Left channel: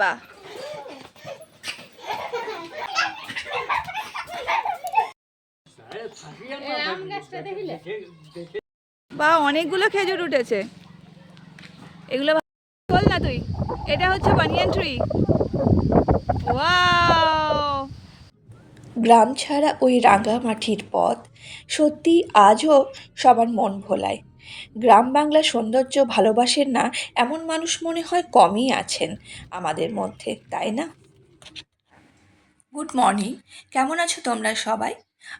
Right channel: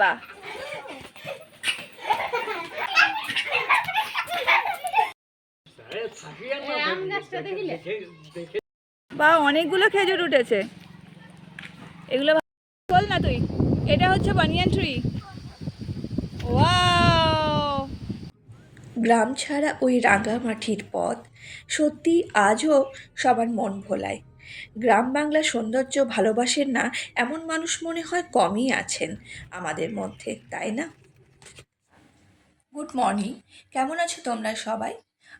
বাবা, বা অনেকগুলো খেজুর উঠেছে। এগুলো বল না তুই, এটা হচ্ছে বানিয়ান ট্রি। ওয়াও, গ্রাম ছাড়া ওই রাঙা মাটির পথ সত্যি আজও সবার মন ভোলায়। গ্রাম বাংলার সৌন্দর্য ভালোবাসেন না এমন মানুষ মনে হয় কমই আছেন আমাদের মধ্যে, তাই না? গুড মর্নিং, কেমন আছো তোমরা সবাই?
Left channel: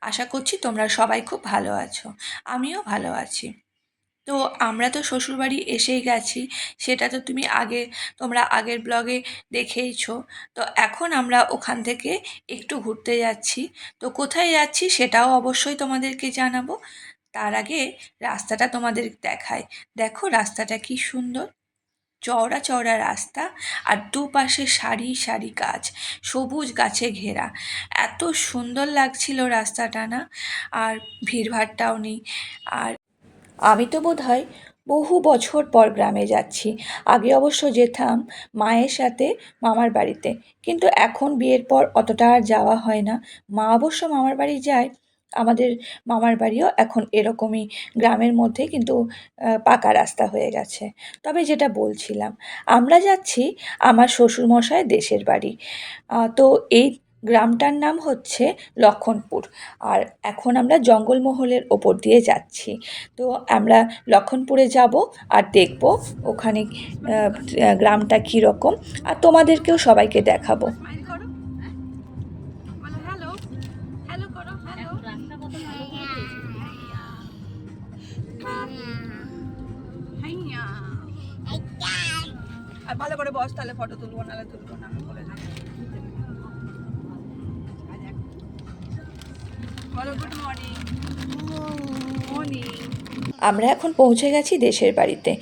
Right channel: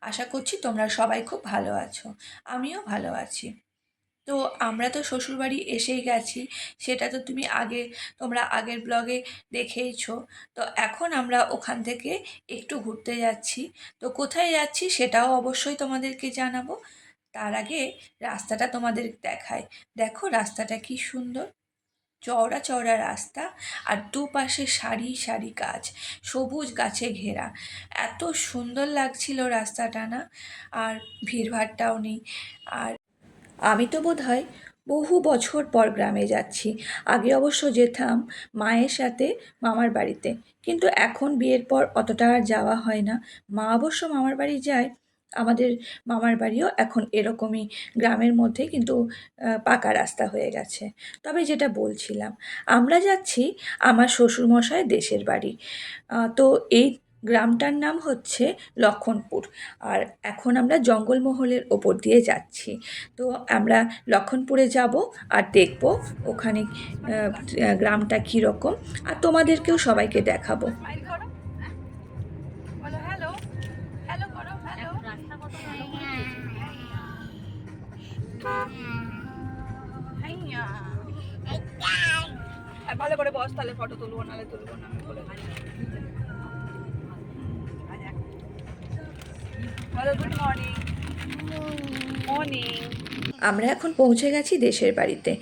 আশা করছি তোমরা সবাই খুব ভালো আছো। আমিও ভালো আছি। তো আমরা তো শ্বশুরবাড়ি এসেই গেছি, সেটা তো তোমরা আগের ব্লগে দেখেইছো। তো এখন আমরা ওখান থেকে একটু ঘুরতে যাচ্ছি। তো কোথায় যাচ্ছি সেটাও অবশ্যই তোমাদেরকে জানাবো। তার আগে রাস্তাটা তোমাদের দেখাই। দেখো রাস্তাটা কি সুন্দর, চওড়া চওড়া রাস্তা, আর দুপাশে সারি সারি গাছ, সবুজ গাছে ঘেরা। এত সুন্দর লাগছিল রাস্তাটা না, আর ভিড়ভাট্টাও নেই। আর আমি তো বোধহয় বহু বছর পর গ্রামে যাচ্ছি। আগে অবশ্য যেতাম মায়ের সাথে মামার বাড়িতে, কিন্তু এখন বিয়ের পর অতটা আর যাওয়া হয় না। মা অবশ্য মামার বাড়ি যায়। আমাদের মামার বাড়িও এখন এরকমই গ্রামের মধ্যে, কিন্তু পাকা রাস্তা হয়ে গেছে। তবে যেটা বলছিলাম, আমরা যাচ্ছি আমার শ্বশুরমশাই দেশের বাড়ি। তো এই গ্রামটার নাম হচ্ছে লক্ষণপুর। আর এখন আমরা জঙ্গলমহলের ওপর দিয়ে যাচ্ছি। তো আমরা লক্ষণপুরে যাব আর দেখব ওখানে গ্রামটা কীরকম, আর তোমাদেরকেও সবাইকে দেখাবো। স্মাইল করো, বলো হ্যালো, হ্যালো করো, হ্যালো। হাইয়া, আর ভালো করে বস, তাহলে ফটো তুলবো, নাহলে তুলবো না, আমি বলে দিচ্ছি। বলো গুড মর্নিং। মর্নিং। আমরা এখন পৌঁছে গেছি দেশের বাড়িতে,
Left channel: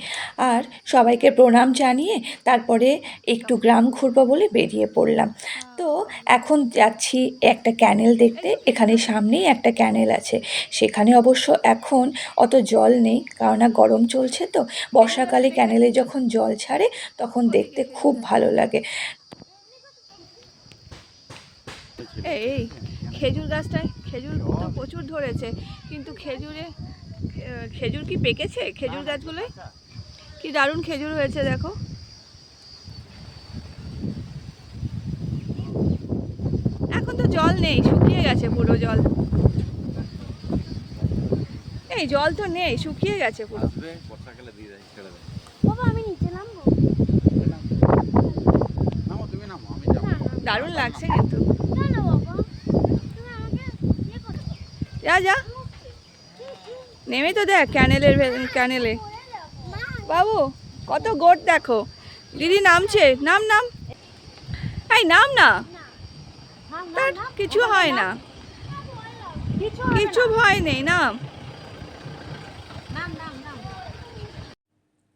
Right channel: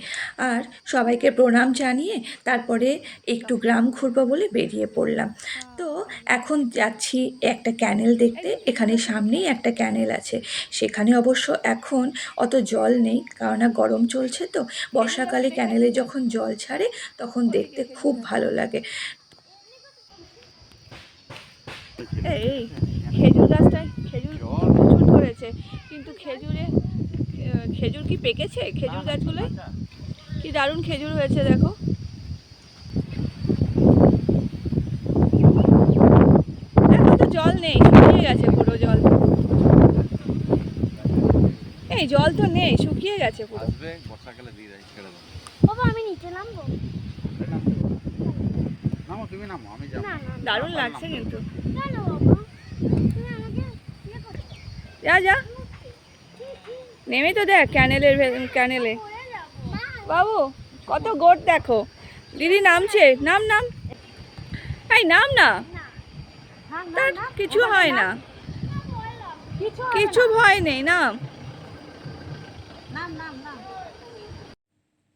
আর সবাইকে প্রণাম জানিয়ে তারপরে একটু গ্রাম ঘুরবো বলে বেরিয়ে পড়লাম। তো এখন যাচ্ছি একটা ক্যানেল দেখতে। এখানে সামনেই একটা ক্যানেল আছে, সেখানে অবশ্য এখন অত জল নেই, কারণ গরম চলছে। তো বর্ষাকালে ক্যানেলে যখন জল ছাড়ে তখন দেখতে খুব ভালো লাগে। এই খেজুর গাছটায় খেজুর তো প্রচুর ধরেছে, কিন্তু খেজুর কি পেকেছে? খেজুর গাছগুলোয় কি দারুণ খেজুর হয়েছে দেখো। এখন তো জল নেই, শুকিয়ে গেছে পুরো জল। এই জল তো নেই, শুকিয়ে গেছে পুরো। বাবা আমি নিচে নামবো? দারুণ লাগছে কিন্তু। কেন বাবা তুমি আমাকে ইয়ে করো? যা যা, নেমে তো দেখ ক্যানেলে। বাবু কত গোট দেখো। দিদি নামছে, নাম নাম, এই নাম না, তার কিছু হয় না, কিছু ভয় নেই, নাম।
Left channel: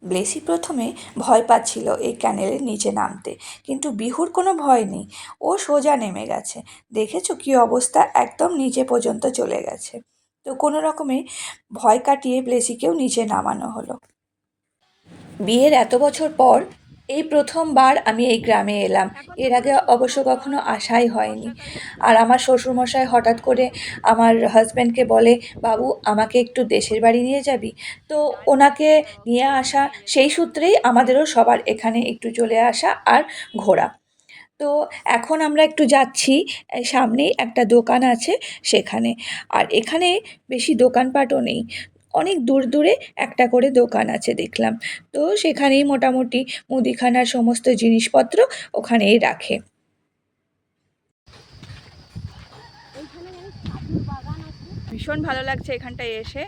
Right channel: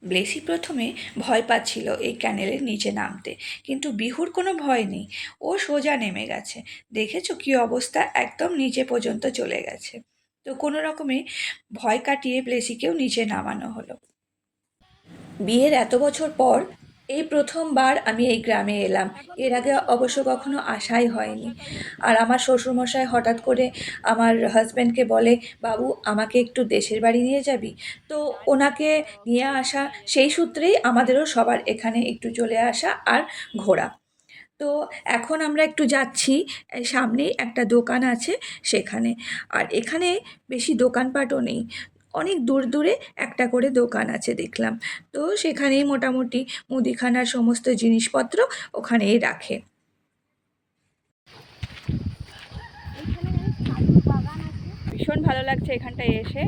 ব্লেসি প্রথমে ভয় পাচ্ছিল এই ক্যানেলের নিচে নামতে, কিন্তু বিহুর কোনো ভয় নেই, ও সোজা নেমে গেছে। দেখেছো কি অবস্থা, একদম নিচে পর্যন্ত চলে গেছে। তো কোনো রকমে ভয় কাটিয়ে ব্লেসিকেও নিচে নামানো হলো। বিয়ের এত বছর পর এই প্রথমবার আমি এই গ্রামে এলাম। এর আগে অবশ্য কখনো আসাই হয়নি। আর আমার শ্বশুরমশাই হঠাৎ করে আমার হাজব্যান্ডকে বলে, বাবু আমাকে একটু দেশের বাড়ি নিয়ে যাবি? তো ওনাকে নিয়ে আসা, সেই সূত্রেই আমাদেরও সবার এখানে একটু চলে আসা আর ঘোরা। তো এখন আমরা একটু যাচ্ছি, সামনেই একটা দোকান আছে সেখানে। আর এখানে বেশি দোকানপাটও নেই, অনেক দূর দূরে একটা করে দোকান আছে দেখলাম। তো সেখানেই মোটামুটি মুদিখানার সমস্ত জিনিসপত্র ওখানেই রাখে। ভীষণ ভালো লাগছে এখানটায় এসে।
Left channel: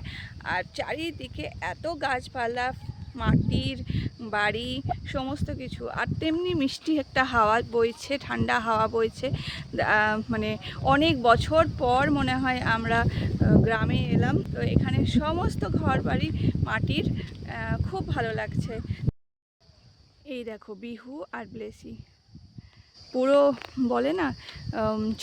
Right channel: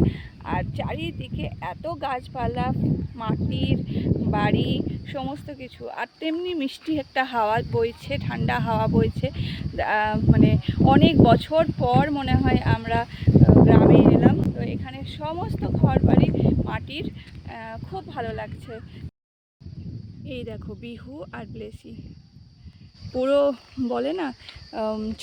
আর চারিদিকে এত গাছপালা, মাটির বাড়ি, সমস্ত কিছু, আর তেমনি মিষ্টি একটা হাওয়া বইছে, ঠান্ডা হাওয়া বইছে। মানে অনেক বছর পর মনে হয় আমরা গ্রামে এলাম। তো এখানে সমস্ত ঘর বাড়ি মাটির, খুব ভালো লাগছে। এই দেখো বিহু আর ব্লেসি, পুরো বলে না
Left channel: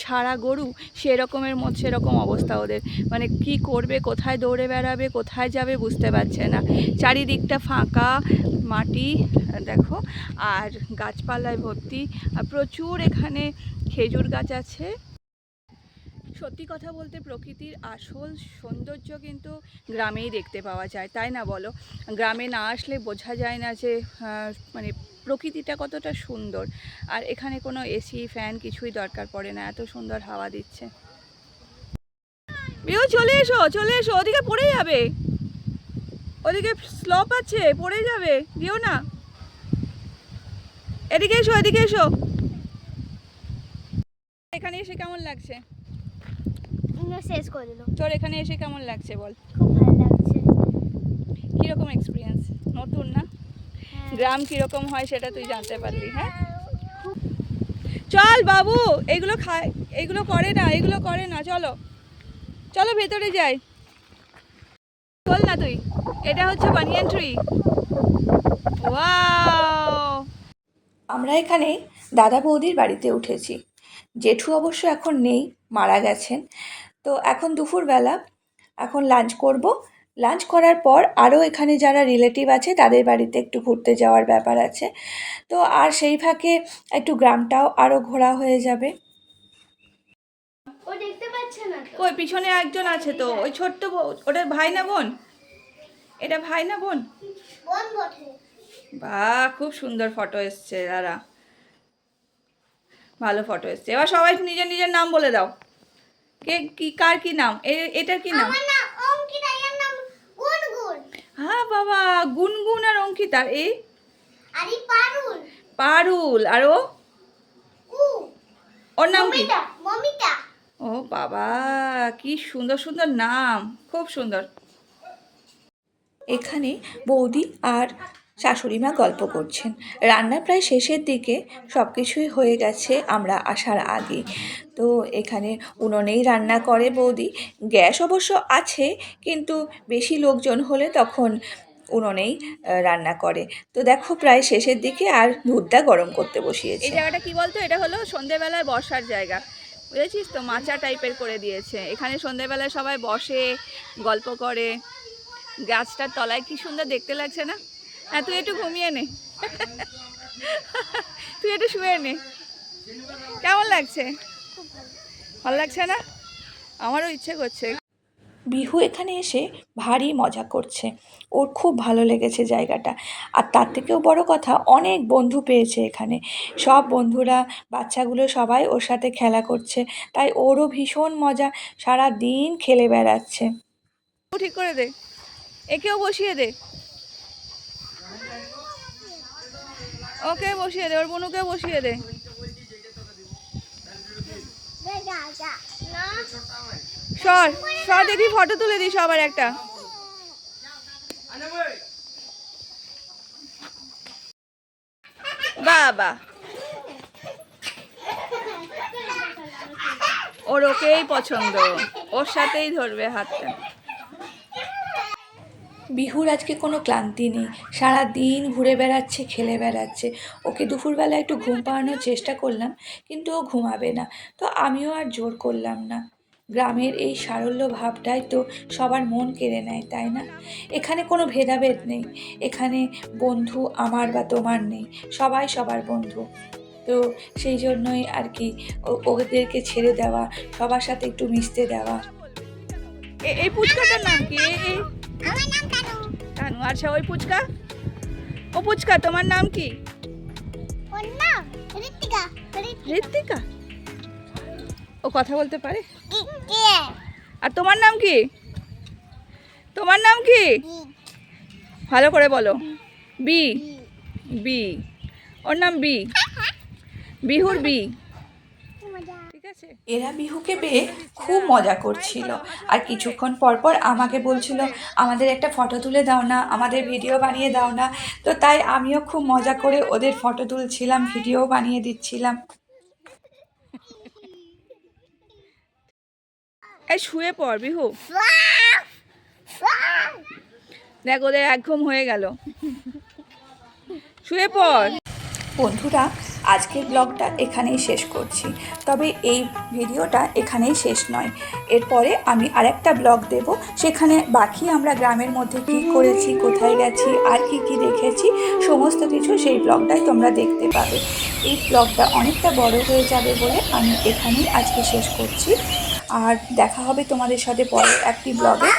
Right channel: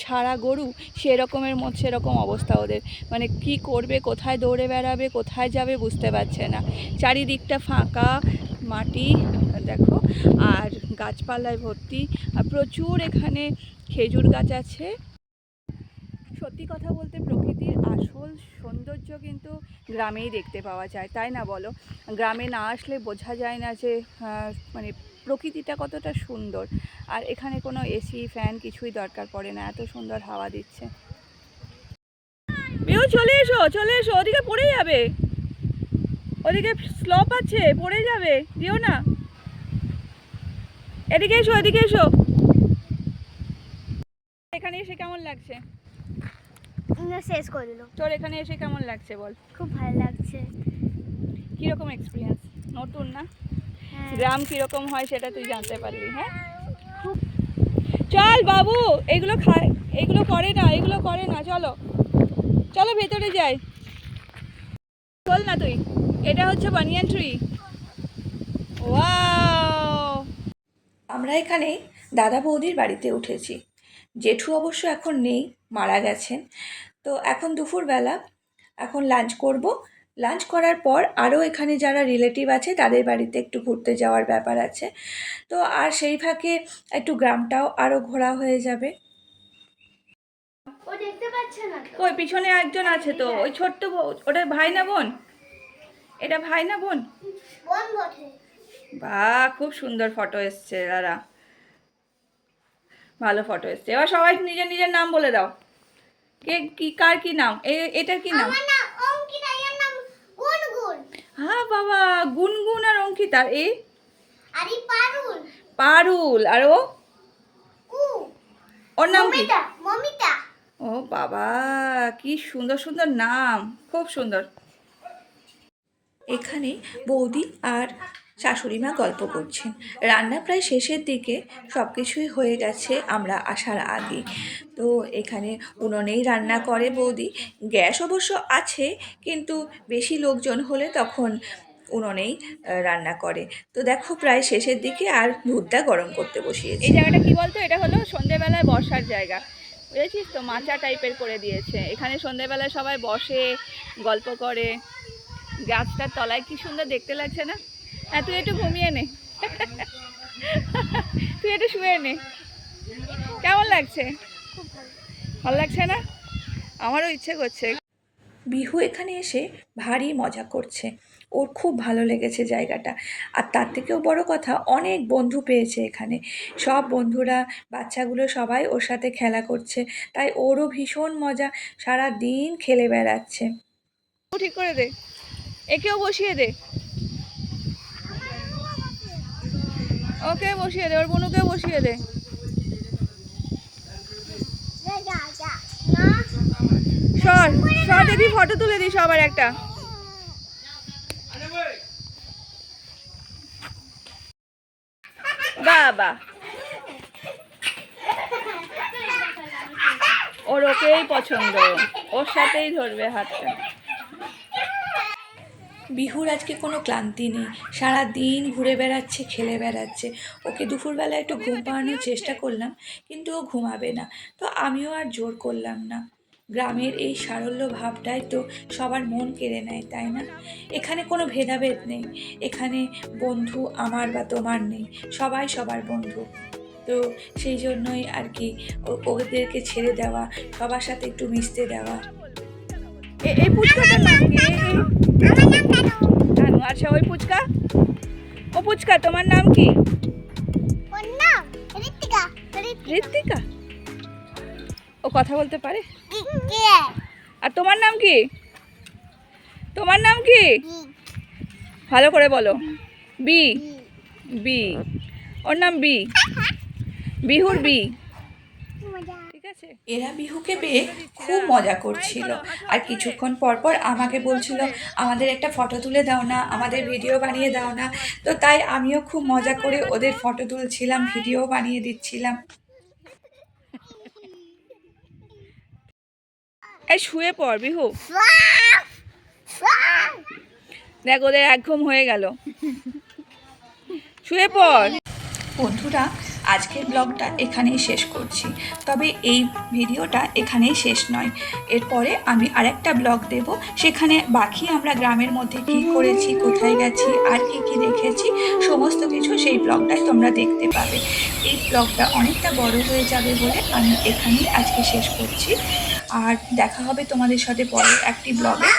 ছাড়া গরু, সেরকম অবস্থা ওদের। মানে কি করবে, কোথায় দৌড়ে বেড়াবে, কোথায় যাবে বুঝতে পারছে না। চারিদিকটা ফাঁকা মাটি, দেখো, আর গাছপালায় ভর্তি, আর প্রচুর এখানে খেজুর গাছ আছে। সত্যি কথা বলতে প্রকৃতির আসল সৌন্দর্য কিন্তু গ্রামেই দেখতে পাওয়া যায়, তাই না বলো? গ্রামে না আসলে বোঝা যায় না যে মানে প্রকৃতিটা কতটা সুন্দর। আর এখানে কোনো এসি ফ্যান কিছুই দরকার পড়ে না, এত সুন্দর হাওয়া দিচ্ছে। বিউ চলে এসো, চলে এসো, ওদিকে পড়ে যাবে, ওদিকে স্লপ আছে, পড়ে যাবে, দিও না। এদিকে এসো, এদিকে এসো। এখানে এসে কেমন লাগছে? শেষ করে দিল। তোর এখানে এসে কেমন লাগছে বল? খুব ভালো লাগছে। কিরকম এক্সপিরিয়েন্স? নতুন না? হ্যাঁ। গ্রাম কিরকম হয় সেটা তুই জানতে পারলি। হ্যাঁ, চল বাবু, এগুলো খায়, এগুলো করে না, এগুলো করে না, চলো চলো ভেতরে যাই। বল না তুই, এটা হচ্ছে বানিয়ান ট্রি। ওয়াও! আমরা এখানে দাদা বৌদির বাড়িতে উঠেছি। জেঠু অবশ্য এখন নেই, মারা গেছেন। তো এখন দুপুরবেলা, এখন লাঞ্চ করব। লাঞ্চ করার পর আরও এখানে যারা রিলেটিভ আছে তাদের বাড়িতে একটু ঘুরতে যাওয়ার ব্যাপার আছে। তো আর সেই ফাঁকে একটু গ্রামটাও আরও ঘোরা হয়ে যাবে। ও দেখতে পাচ্ছে না তো। ওই পিছনে একজন আছে তো, ওই ছোট্ট ওটা ভাই না বোন? এটা ভাই না বোন? বোন বটে। বাহ, খুব সুন্দর ফটো এসছে দাদা, ভালো ফটো এসছে। এবার সবাই নিজের নিজের নাম বলে দাও। কে কি, কার কি নাম? এটার কি নাম? আমার নাম অঙ্কিতা, এর নাম গুনগুন। হ্যাঁ বাবা, গুনগুন আর অঙ্কিতার এই আরে পারুল। পারুল, আর ও, উ ওর নাম কি? মমিতা, মমিতা। ও বাবা, কি সুন্দর সুন্দর নাম, খুব সুন্দর। এখানে বৌদি আর শাশুড়ি মা গল্প করছেন। রান্না প্রায় শেষের দিকে, সব কিছুই হয়ে গেছে আমরা আসার আগে। তো এখানে উনুনেই রান্না করে বৌদি। গ্যাস অবশ্য আছে, কিন্তু বেশি লোকজন হলে তখন উনুনেই রান্না করে। তো দেখো প্রায় শেষের দিকে, আর দুধটা গরম করতে বসিয়েছে। এই জায়গাটা কি বলতো, এটা হলো সন্ধেবেলায় বসার জায়গা, বুঝেছিস তো? মাচা টাইপের করে দিয়েছে এখানে, সন্ধেবেলায় সবাই বসে গল্প করে। গাছটার তলায় কি সুন্দর দেখতে লাগছে না? হ্যাঁ, তুই একটু ঘুমিয়ে নে, তুই একটু শুয়ে নে। কেমন লাগছে? খুব ভালো। ভালো লাগছে না? আমারও ইচ্ছে করছে। বিহু এখানে এসে ভারী মজা করছে, ওর খুব ভালো লেগেছে জায়গাটা। আর তার থেকেও বড় কথা, অনেক বন্ধু পেয়েছে এখানে। সব বন্ধুরা, বাচ্চাগুলো সবাই ওর সাথে খেলা করছে, তাই ওরও ভীষণ মজা, সারা দিন খেলে বেড়াচ্ছে। ঠিক করে দে, একেও বসিয়ে দে, ওকে বসিয়ে দে, ওর বোনুকেও বসিয়ে দে। যা যা না। সর সর, দেখি ফটো তুলে দিই সবার একটা। বাবা, ওর ওকেই পছন্দ, ওর সাথেই ধরবে হাতটা। বিহুর আজকে কোনো ক্লান্তি নেই, সারা দিন ঘুরে বেড়াচ্ছে, খেলে বেড়াচ্ছে। ওকে দুপুরবেলা একটু ঘুম পাড়ানোর চেষ্টা করলাম, কিন্তু ও ঘুমাবে না। তো আমিও আর জোর করলাম না। গ্রামের এই সারল্য ভাবটাই তো সবার মন কেড়ে নেয়, তাই না? এখানে কোনো ভেদাভেদ নেই, এখানে বন্ধু আমার বা তোমার নেই, সবাই সবার বন্ধু। তো সেই জন্যই আর কি ওদেরকে ছেড়ে দেওয়া, সবার সাথে একটু মিশতে দেওয়া। এই পুচকাটার নাম কি? আমার নাম কানু। কানু। আচ্ছা, ওই পুচকা, ও পুচকা, তোমার নাম কি? ওর নাম ঋতিকা। ঋত্বিকা। ও কথা বলতে পারে? কে? আর তোমার নাম কি? তোমার নাম কি? ভালো করে বলো। বি। বি, ওর নাম বি, বিহুর বি। ঠিক আছে। এরা বিহুকে পেয়ে খুব মজা করছিল, আর কিছুক্ষণ পর পর আমাকে বলছিল আমাদের একটা ফটো তুলে দাও না, আমাদের ভিডিও বানিয়ে দাও না। তো তাই আমিও খুব মজা করে ওদের ফটো তুলছিলাম, ভিডিও বানিয়ে দিচ্ছিলাম। এই শুয়ে পড় বিহু, দেখ ওদের এক ঘুম হয়ে গেল, শুয়ে পড়। বন্ধুরা, আজকের ব্লগটা এখানেই শেষ করছি। তবে এই ভিডিওটা এখানেই শেষ নয়, এরপরে আমি আরেকটা ব্লগ দেব, সেখানে বাকি আমরা গ্রামের মধ্যে কী করেছি, কোথায় গেছি, আর কি কি দেখেছি, সমস্ত কিছু সেই ব্লগটাই তোমরা দেখতে পাবে। এই ব্লগটা অনেকটা বড় হয়ে যাবে বলে আমি এখানেই আজকে শেষ করছি। আর দেখা হবে তোমাদের সাথে পরের একটি ব্লগে।